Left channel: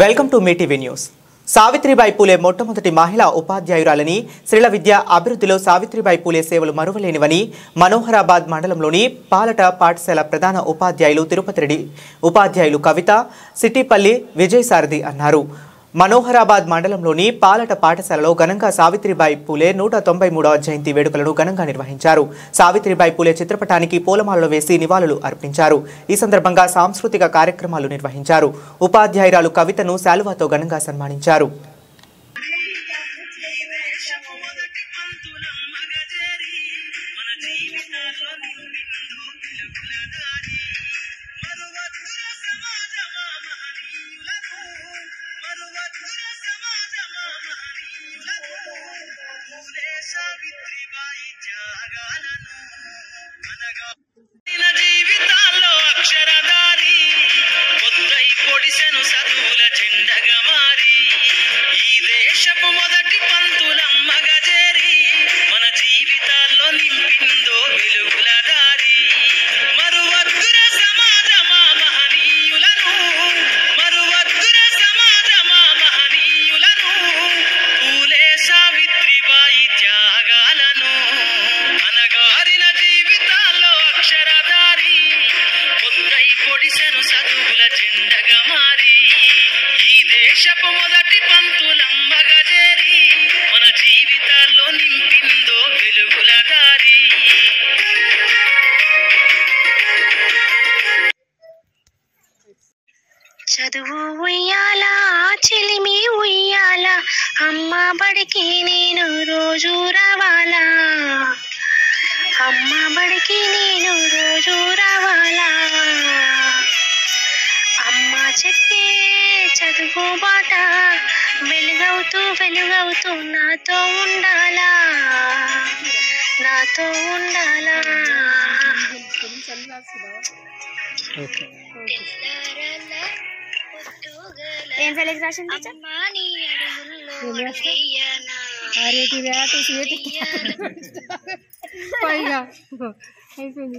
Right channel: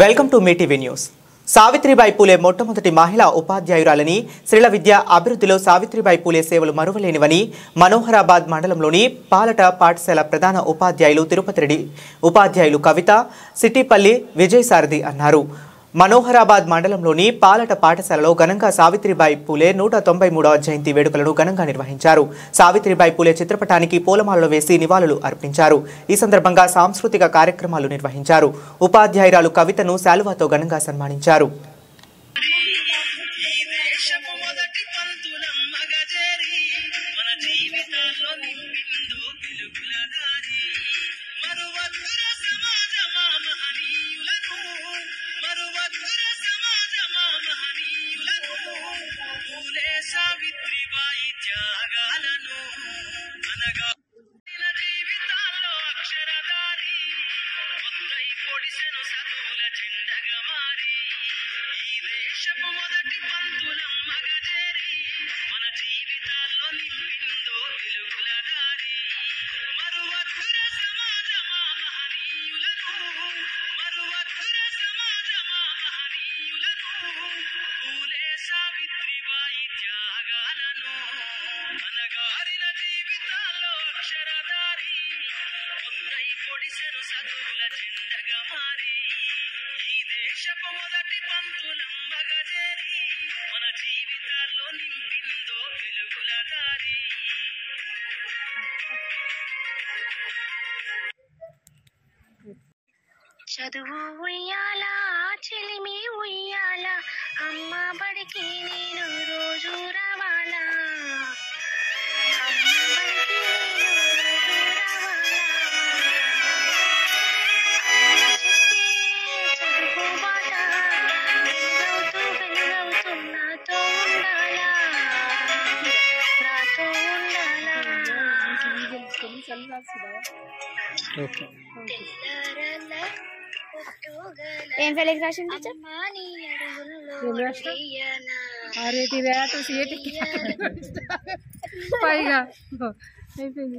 Welcome to మీ TV news. Savitribai Phule మొట్టమొదటి మహిళా ఉపాధ్యాయురాలని, స్త్రీల విద్య అభివృద్ధిలో సావిత్రిబాయి పూలే సేవలు మరువలేనివని మనోహరాబాద్ మండలంలోని పాలట పాఠశాల ప్రధాన ఉపాధ్యాయులు తిరుపతి రెడ్డి ఉపాధ్యాయులు కవిత, సిట్టిపల్లి విజయసారథి అన్నారు. మనోహరాబాద్ మండలంలోని పాలట పాఠశాలలో ఘనంగా సావిత్రిబాయి పూలే 193వ జయంతి వేడుకలను ఘనంగా నిర్వహించారు. సావిత్రిబాయి పూలే చిత్రపటానికి పూలమాలలు వేసి నివాళులు అర్పించారు. ఈ సందర్భంగా సాంస్కృతిక కార్యక్రమాలు నిర్వహించారు. ఉపాధ్యాయురాలు కవితను శాలువాతో ఘనంగా సన్మానించారు. సావిత్రిబాయి త్యాగాలను అనగా జీవితాల్లో అక్షరధారి పొద్దై పొడిసెను చదువుల జెండగా మారి ఈ దేశపు మొదటి పంతులమ్మగా చేరి మన జీవితాల్లో నింపిందో వెలుగుల దారి. మరువద్దుర సమాజమా మహనీయులను, మరువద్దుర సమాజమా మహనీయులను, పూలే సావిత్రిబాయి త్యాగాలను అనగారిన జీవితాల్లో అక్షరధారి పొద్దై పొడిసెను చదువుల జెండగా మారి ఈ దేశపు మొదటి పంతులమ్మగా చేరి మన జీవితాల్లో నింపిందో వెలుగుల దారి. చదువు ఉయ్యాల చెలిమి ఉయ్యాల, అమ్మ బడికి నేను రోజు రావాలా, అమ్మ బడికి నేను రోజు రావాలా, అమ్మ చెప్పే చదువు బాట వెలుగవుతూ వెలుగవుతూ నాతో ఉండాలా, నాతో ఉండాలా. ఏం సెలెక్షన్ పైగా అయిపోయింది.